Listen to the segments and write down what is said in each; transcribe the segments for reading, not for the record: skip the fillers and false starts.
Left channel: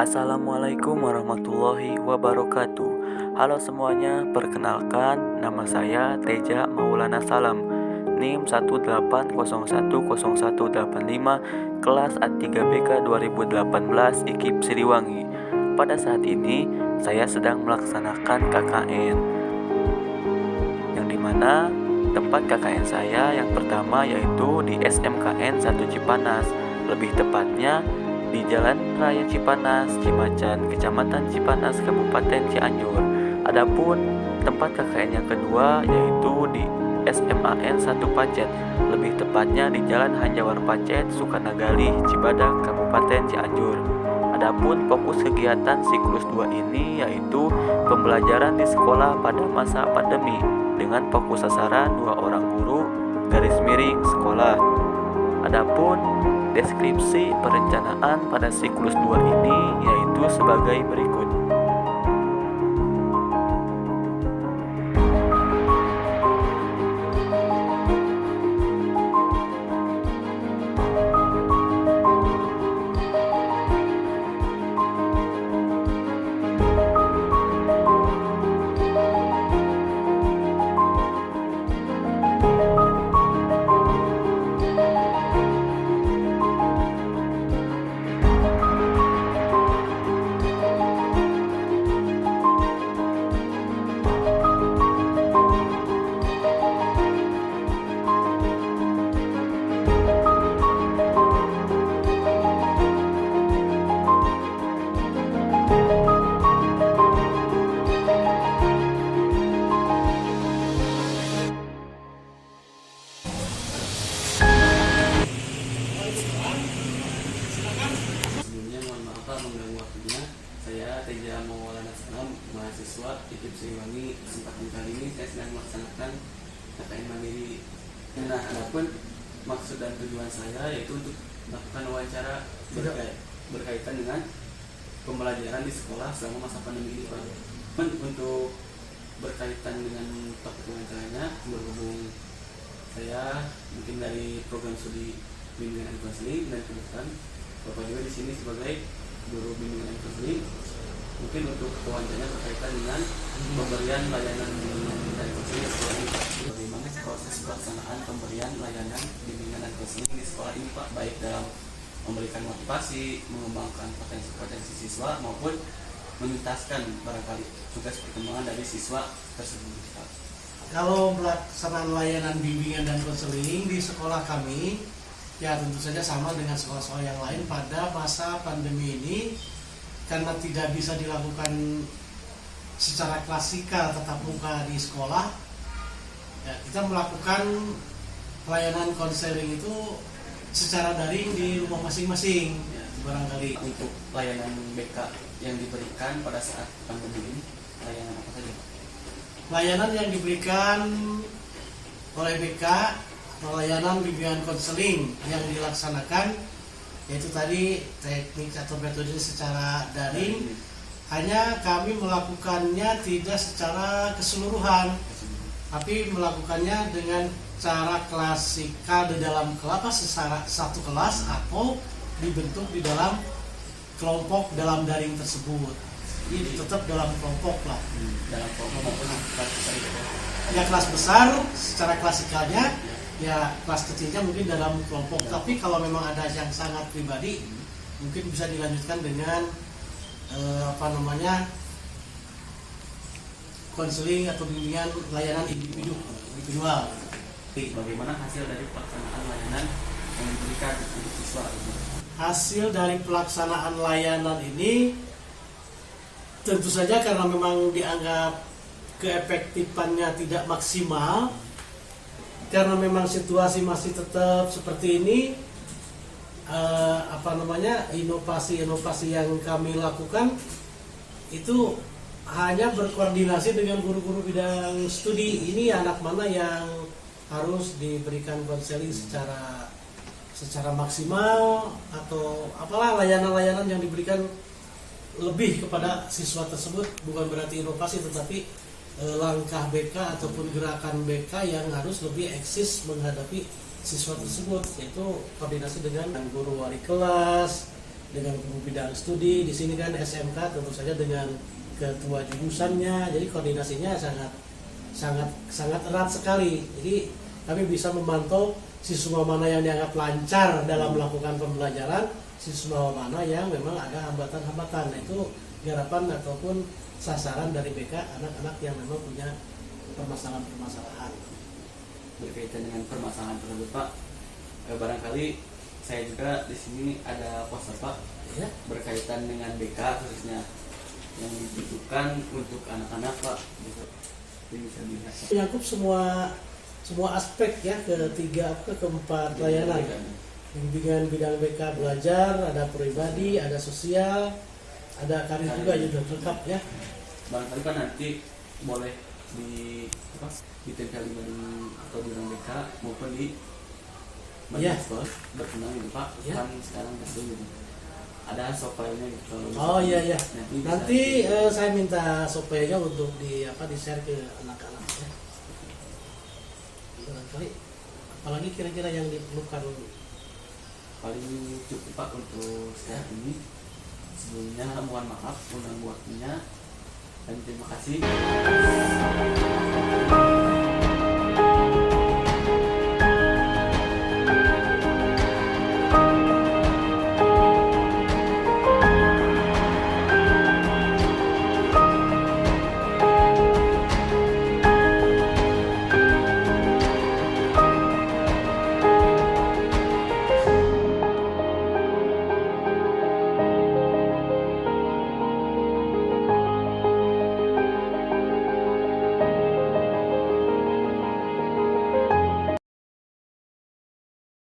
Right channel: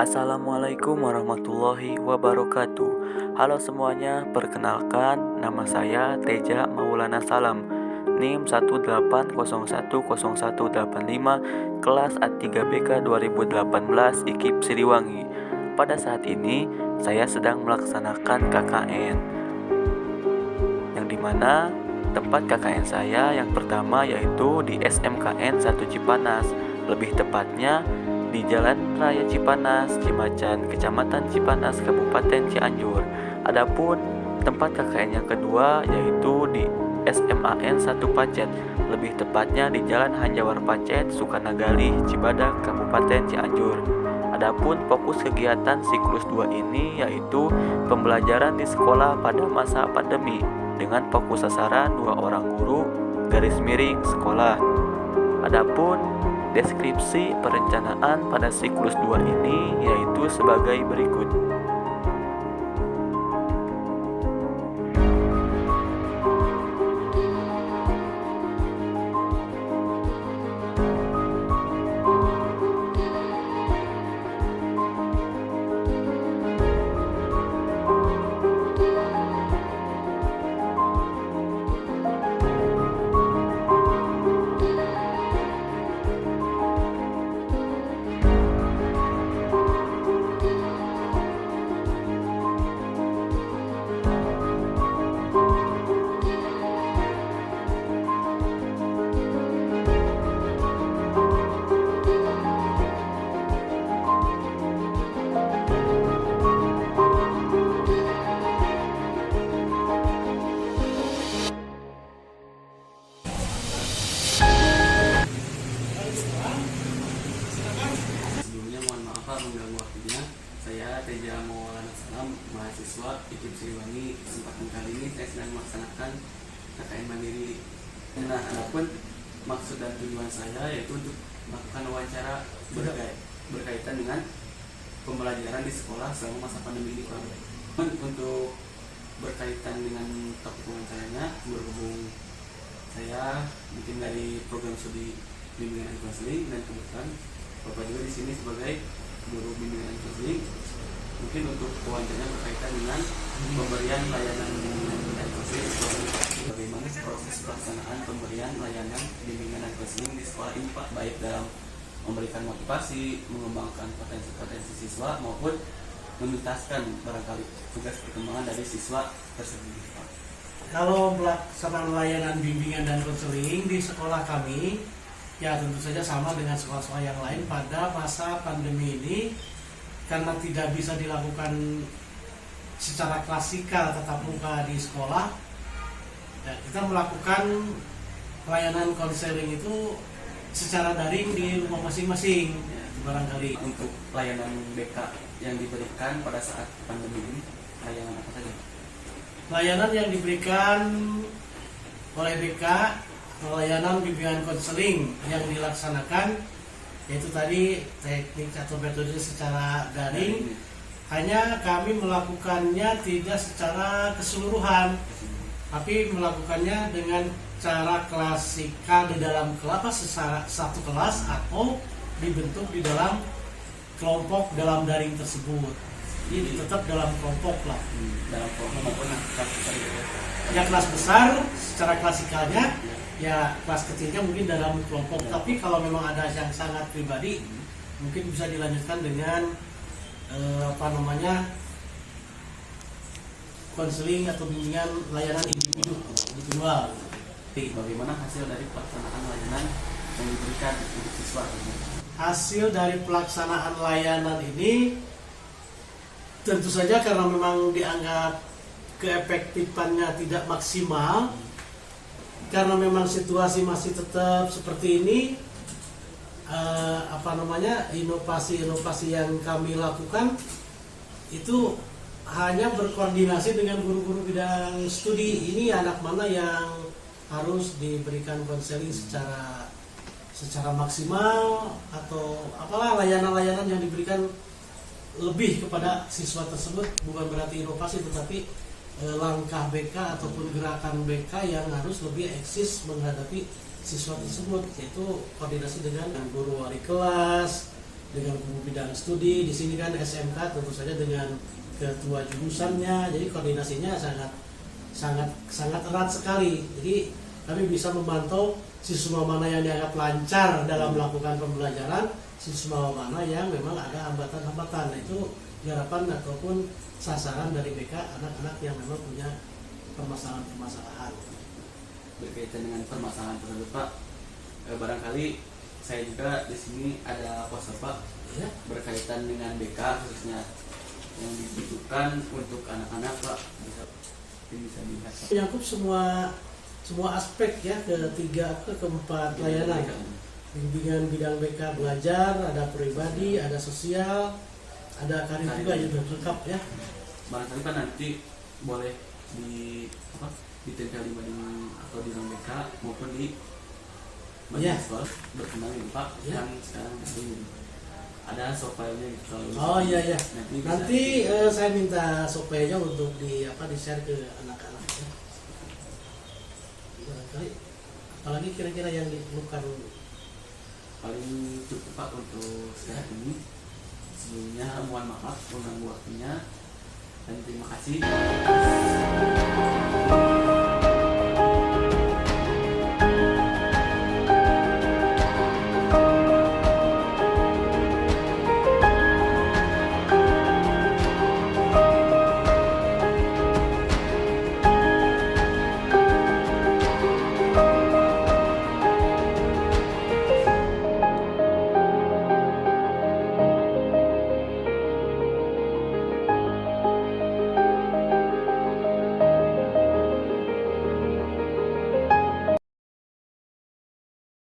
Assalamualaikum warahmatullahi wabarakatuh. Halo semuanya, perkenalkan nama saya Teja Maulana Salam, NIM 1801018 kelas A3BK 2018 IKIP Siliwangi. Pada saat ini saya sedang melaksanakan KKN, yang dimana tempat KKN saya yang pertama yaitu di SMKN 1 Cipanas, lebih tepatnya di Jalan Raya Cipanas, Cimacan, Kecamatan Cipanas, Kabupaten Cianjur. Adapun tempat KKN yang kedua yaitu di SMAN 1 Pacet, lebih tepatnya di Jalan Hanjawar Pacet, Sukanagali, Cibadak, Kabupaten Cianjur. Adapun fokus kegiatan siklus 2 ini yaitu pembelajaran di sekolah pada masa pandemi dengan fokus sasaran 2 orang guru garis miring sekolah. Adapun deskripsi perencanaan pada siklus 2 ini yaitu sebagai berikut. Sebelumnya mohon maaf mengganggu waktunya. Saya Teja Maulana Salam, mahasiswa IKIP Siliwangi. Kesempatan kali ini saya sedang melaksanakan KKN Mandiri. Nah, adapun maksud dan tujuan saya yaitu untuk melakukan wawancara berkaitan dengan pembelajaran di sekolah selama masa pandemi ini, Pak. Untuk berkaitan dengan topik wawancaranya, berhubung saya mungkin dari program studi bimbingan dan konseling, dan kebetulan Bapak juga di sini sebagai guru bimbingan dan konseling. Mungkin untuk wawancaranya berkaitan dengan pemberian layanan bimbingan dan konseling di sekolah ini, Pak. Bagaimana proses pelaksanaan pemberian layanan bimbingan dan konseling di sekolah ini, Pak, baik dalam memberikan motivasi, mengembangkan potensi-potensi siswa maupun menuntaskan barangkali tugas perkembangan dari siswa tersebut, Pak. Kalau pelaksanaan layanan bimbingan dan konseling di sekolah kami, ya tentu saja sama dengan sekolah-sekolah yang lain pada masa pandemi ini, karena tidak bisa dilakukan secara klasikal tatap muka di sekolah, ya, kita melakukan pelayanan konseling itu secara daring di rumah masing-masing, ya, barangkali. Untuk layanan BK yang diberikan pada saat pandemi ini, layanan apa saja, Pak? Layanan yang diberikan oleh BK, layanan bimbingan konseling yang dilaksanakan yaitu tadi teknik atau metode secara daring. Hanya kami melakukannya tidak secara keseluruhan, tapi melakukannya dengan cara klasikal di dalam kelas, satu kelas atau dibentuk di dalam kelompok dalam daring tersebut. Ini tetap dalam kelompok lah. Dalam kelompok maupun kelas besar gitu ya? Ya kelas besar secara klasikalnya, ya kelas kecilnya mungkin dalam kelompok. Tapi kalau memang ada yang sangat pribadi, mungkin bisa dilanjutkan dengan konseling atau bimbingan layanan individual. Bagaimana hasil dari pelaksanaan layanan yang diberikan untuk siswa? Hasil dari pelaksanaan layanan ini tentu saja karena memang dianggap keefektifannya tidak maksimal, karena memang situasi masih tetap seperti ini. Inovasi-inovasi yang kami lakukan itu hanya berkoordinasi dengan guru-guru bidang studi. Ini anak mana yang harus diberikan konseling secara maksimal, atau apalah layanan-layanan yang diberikan lebih kepada siswa tersebut. Bukan berarti inovasi, tetapi langkah BK ataupun gerakan BK yang harus lebih eksis menghadapi siswa tersebut, yaitu koordinasi dengan guru wali kelas, dengan guru bidang studi. Di sini kan SMK tentu saja dengan ketua jurusannya, jadi koordinasinya sangat erat sekali. Jadi kami bisa memantau siswa mana yang dianggap lancar dalam melakukan pembelajaran, siswa mana yang memang ada hambatan-hambatan. Nah, itu garapan ataupun sasaran dari BK, anak-anak yang memang punya permasalahan-permasalahan. Berkaitan dengan permasalahan tersebut Pak, barangkali saya juga di sini ada poster Pak, Ya. berkaitan dengan BK khususnya yang dibutuhkan untuk anak-anak Pak, bisa dilihat Pak. Menyangkut semua aspek ya, keempat layanan. Bimbingan bidang BK belajar, ada pribadi, ada sosial, ada karir juga yang sudah lengkap ya. Barangkali Pak nanti boleh ditempel di mading atau di ruang BK maupun di Iya. mahasiswa berkenaan ini Pak, Ya. kan sekarang masih gitu. Ada software-nya gitu. Kalau Oh bisa iya. Nanti bisa. saya minta supaya untuk di share ke anak-anak ya. Barangkali apalagi kira-kira yang diperlukan. Paling cukup Pak untuk saat ini. Sebelumnya mohon maaf mengganggu waktunya dan terima kasih.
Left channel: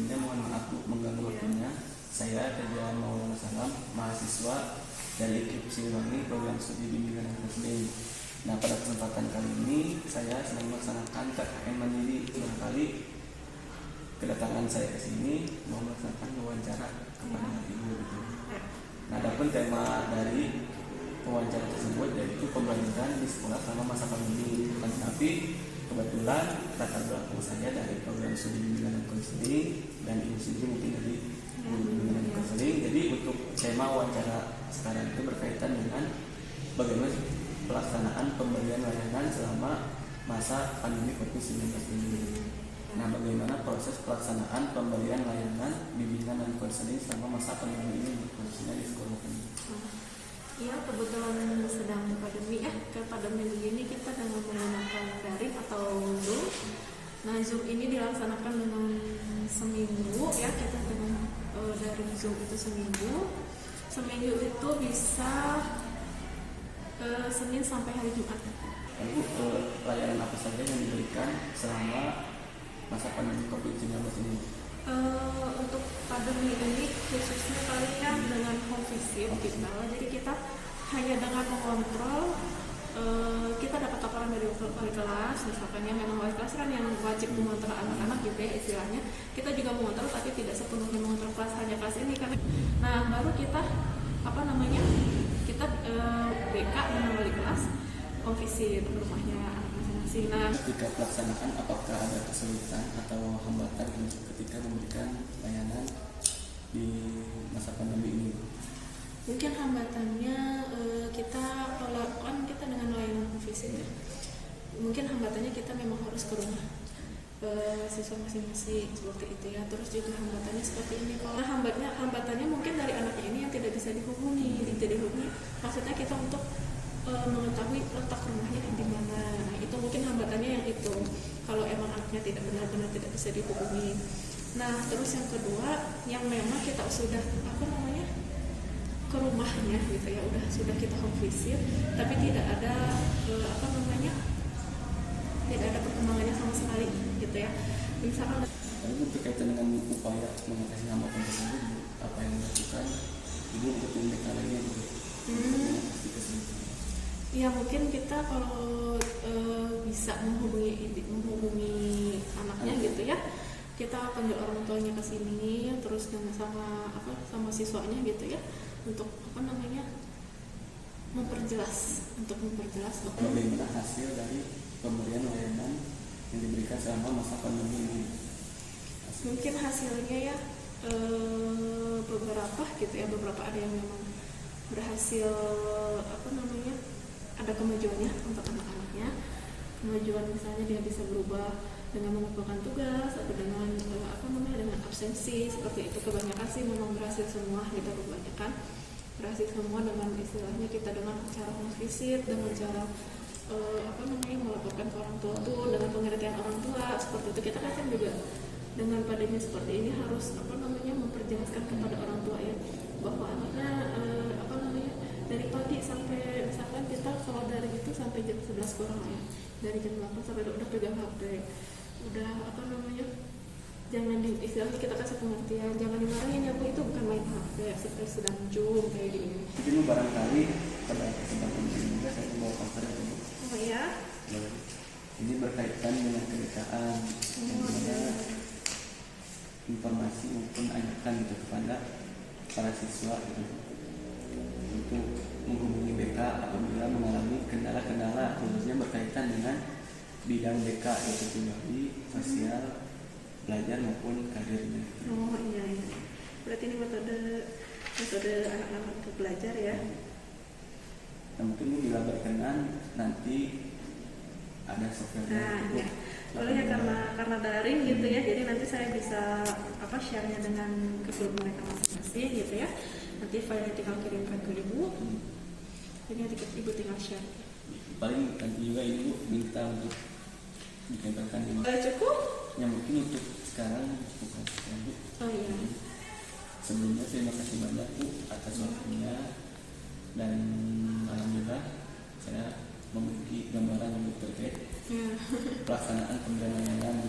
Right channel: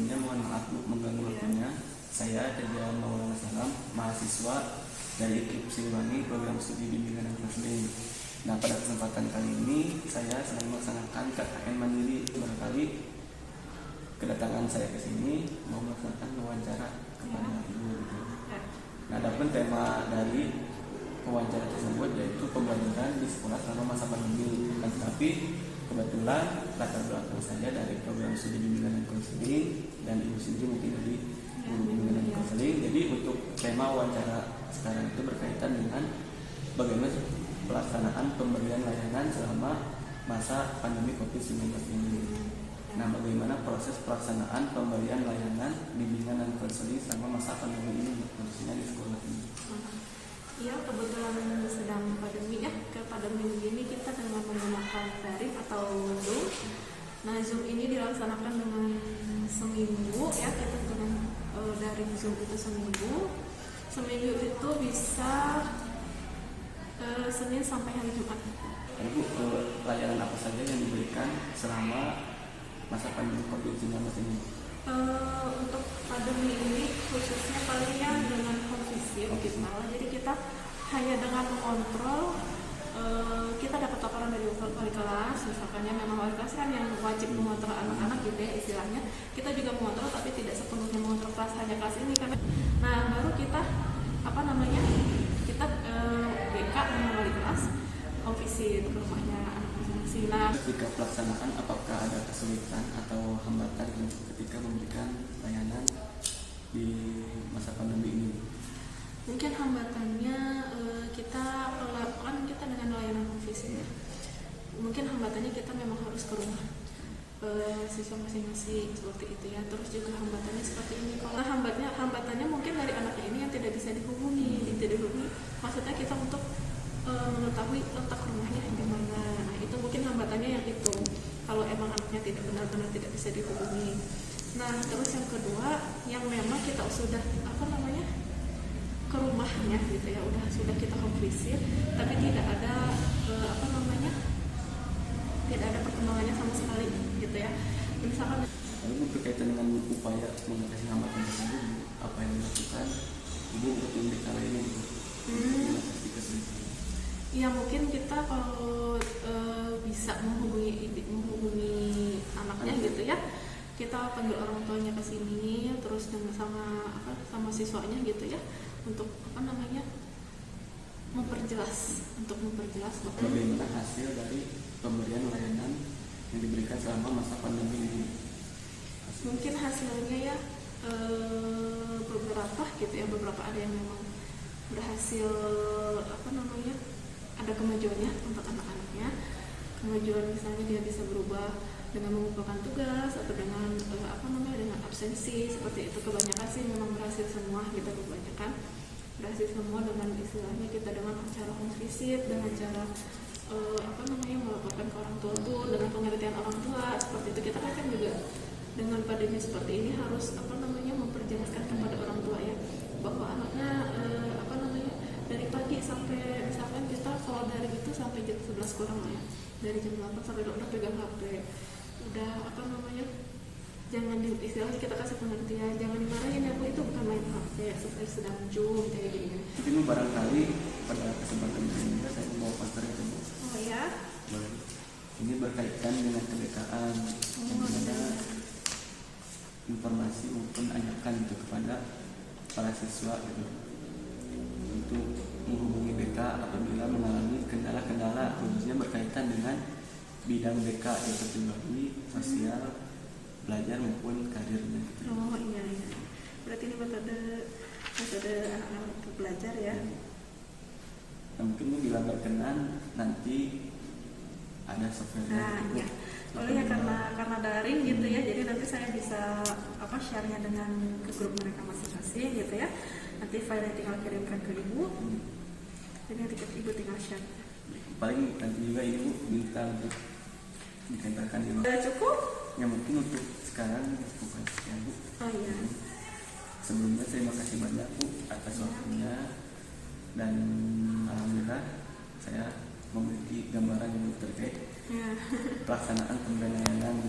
Mohon maaf Bu, mengganggu waktunya. Saya Teja Maulana Salam, mahasiswa dari IKIP Siliwangi, program studi bimbingan dan konseling. Nah, pada kesempatan kali ini saya sedang melaksanakan KKN Mandiri. Barangkali kedatangan saya ke sini mau melaksanakan wawancara kepada Ibu gitu. Nah, adapun tema dari wawancara tersebut yaitu pembelajaran di sekolah selama masa pandemi. Tapi kebetulan latar belakang saya dari program studi bimbingan dan konseling dan Ibu sendiri mungkin dari guru bimbingan dan konseling. Jadi untuk tema wawancara sekarang itu berkaitan dengan bagaimana pelaksanaan pemberian layanan selama masa pandemi COVID-19 ini. Nah, bagaimana proses pelaksanaan pemberian layanan bimbingan dan konseling selama masa pandemi ini khususnya di sekolah ini. Ya, kebetulan sedang pandemi ya. Pandemi ini kita dengan menggunakan daring atau Zoom. Nah, Zoom ini dilaksanakan dengan seminggu ya. Kita dengan daring Zoom itu seminggu. Seminggu itu bisa Senin sampai hari Jumat. Ibu, layanan apa saja yang diberikan selama masa pandemi COVID-19 ini? Untuk pandemi ini khususnya palingnya dengan home visit kita. Jadi kita hanya dengan mengontrol, kita dapat laporan dari wali kelas, misalkan yang memang wali kelas kan yang wajib mengontrol anak-anak gitu ya istilahnya. Kita juga mengontrol tapi tidak sepenuhnya mengontrol kelas, hanya kelas ini karena. Nah, baru kita kita BK dengan wali kelas home visit ke rumahnya anak masing-masing. Nah, Ketika pelaksanaan, apakah ada kesulitan atau hambatan ketika memberikan layanan di masa pandemi ini? mungkin hambatannya kita kalau kan kita dengan layanan home visit, mungkin hambatannya kita memang harus ke rumah siswa masing-masing seperti itu ya. Terus juga hambatannya seperti ini. Kalau hambatannya mungkin dari anak ini yang tidak bisa dihubungi, maksudnya kita untuk mengetahui letak rumahnya di mana. Nah, itu mungkin hambatannya yang itu. Kalau emang anaknya tidak benar-benar tidak bisa dihubungi. Nah, terus yang kedua, yang memang kita sudah ke rumahnya gitu ya, sudah kita home visit, tapi tidak ada tidak ada perkembangannya sama sekali gitu ya. Misalkan Ibu berkaitan dengan upaya mengatasi hambatan tersebut, apa yang dilakukan Ibu untuk memberikan lainnya gitu? Mengatasi kesulitan. ya mungkin kita kalau bisa menghubungi anaknya gitu ya, kita panggil orang tuanya ke sini, terus sama siswanya gitu ya, untuk memperjelas Bagaimana hasil dari pemberian layanan yang diberikan selama masa pandemi ini? mungkin hasilnya ya beberapa gitu ya, beberapa ada yang memang berhasil ada kemajuannya untuk anak-anaknya. Kemajuan misalnya dia bisa berubah dengan mengumpulkan tugas atau dengan dengan absensi seperti itu. Kebanyakan sih memang berhasil semua gitu, kebanyakan berhasil semua dengan istilahnya kita dengan cara home visit, dengan cara melaporkan ke orang tua tuh dengan pengertian orang tua seperti itu. Kita kan juga dengan padanya seperti ini harus memperjelaskan kepada orang tua ya, bahwa anaknya dari pagi sampai misalkan kita sholat dari itu sampai jam 11 kurang ya, dari jam 8 sampai udah pegang HP, udah jangan istilahnya kita kasih pengertian, jangan dimarahin ya Bu, itu bukan main HP, saya sedang zoom kayak gini. Mungkin barangkali pada kesempatan ini juga saya mau cover itu. Oh ya? Boleh. Ini berkaitan dengan kebekaan yang mana informasi maupun ajakan itu kepada para siswa gitu, untuk menghubungi BK apabila mengalami kendala-kendala khususnya berkaitan dengan bidang BK yaitu pribadi, sosial, belajar maupun karirnya. Oh iya. Berarti ini metode anak-anak untuk belajar ya. Nah, mungkin ini bila berkenan nanti ada software Ya. Boleh ya, karena daring gitu ya, jadi nanti saya bisa share-nya dengan ke grup mereka masing-masing gitu ya. Nanti file tinggal kirimkan ke ibu, jadi nanti ibu tinggal share. Paling nanti juga ini Bu minta untuk ditempelkan di Cukup? Ya mungkin untuk sekarang bukan sekian Bu. Oh iya. Sebelumnya terima kasih banyak Bu atas waktunya, dan alhamdulillah saya memiliki gambaran yang terkait pelaksanaan pemberian layanan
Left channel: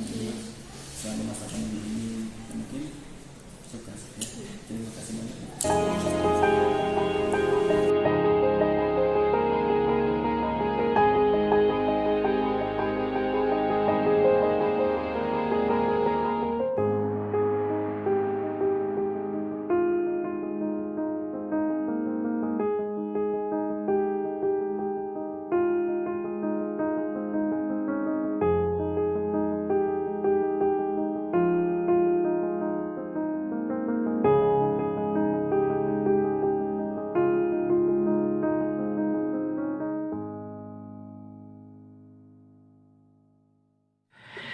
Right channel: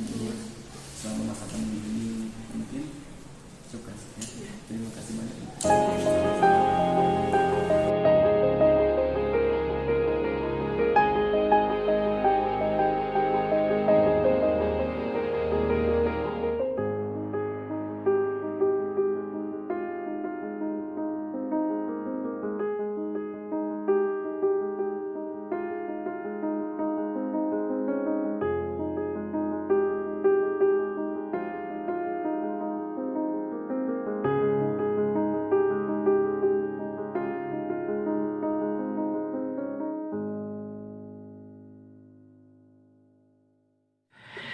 selama masa pandemi ini. Mungkin cukup ya. Terima kasih banyak.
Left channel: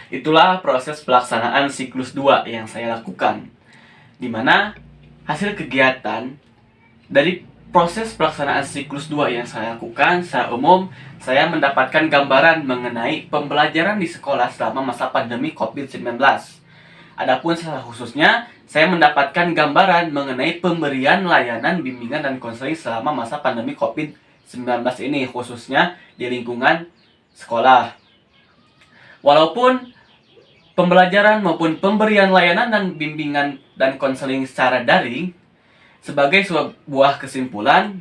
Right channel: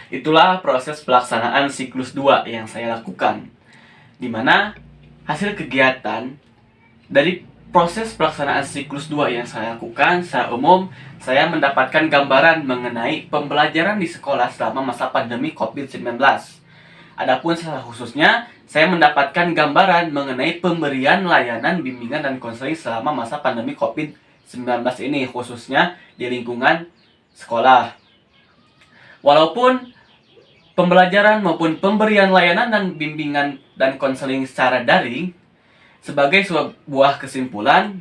Itulah proses pelaksanaan siklus 2 yang saya lakukan, di mana hasil kegiatan dari proses pelaksanaan siklus 2 yang saya lakukan secara umum, saya mendapatkan gambaran mengenai pembelajaran di sekolah selama masa pandemi COVID-19. Adapun secara khususnya, saya mendapatkan gambaran mengenai pemberian layanan bimbingan dan konseling selama masa pandemi COVID-19 ini, khususnya di lingkungan sekolah. Walaupun pembelajaran maupun pemberian layanan dan bimbingan dan konseling secara daring sebagai sebuah kesimpulan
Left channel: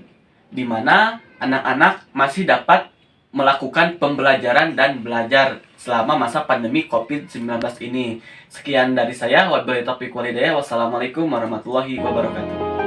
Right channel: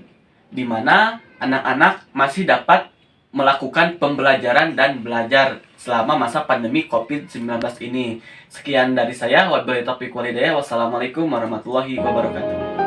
di mana anak-anak masih dapat melakukan pembelajaran dan belajar selama masa pandemi COVID-19 ini. Sekian dari saya. Wabillahi taufiq walhidayah. Wassalamualaikum warahmatullahi wabarakatuh.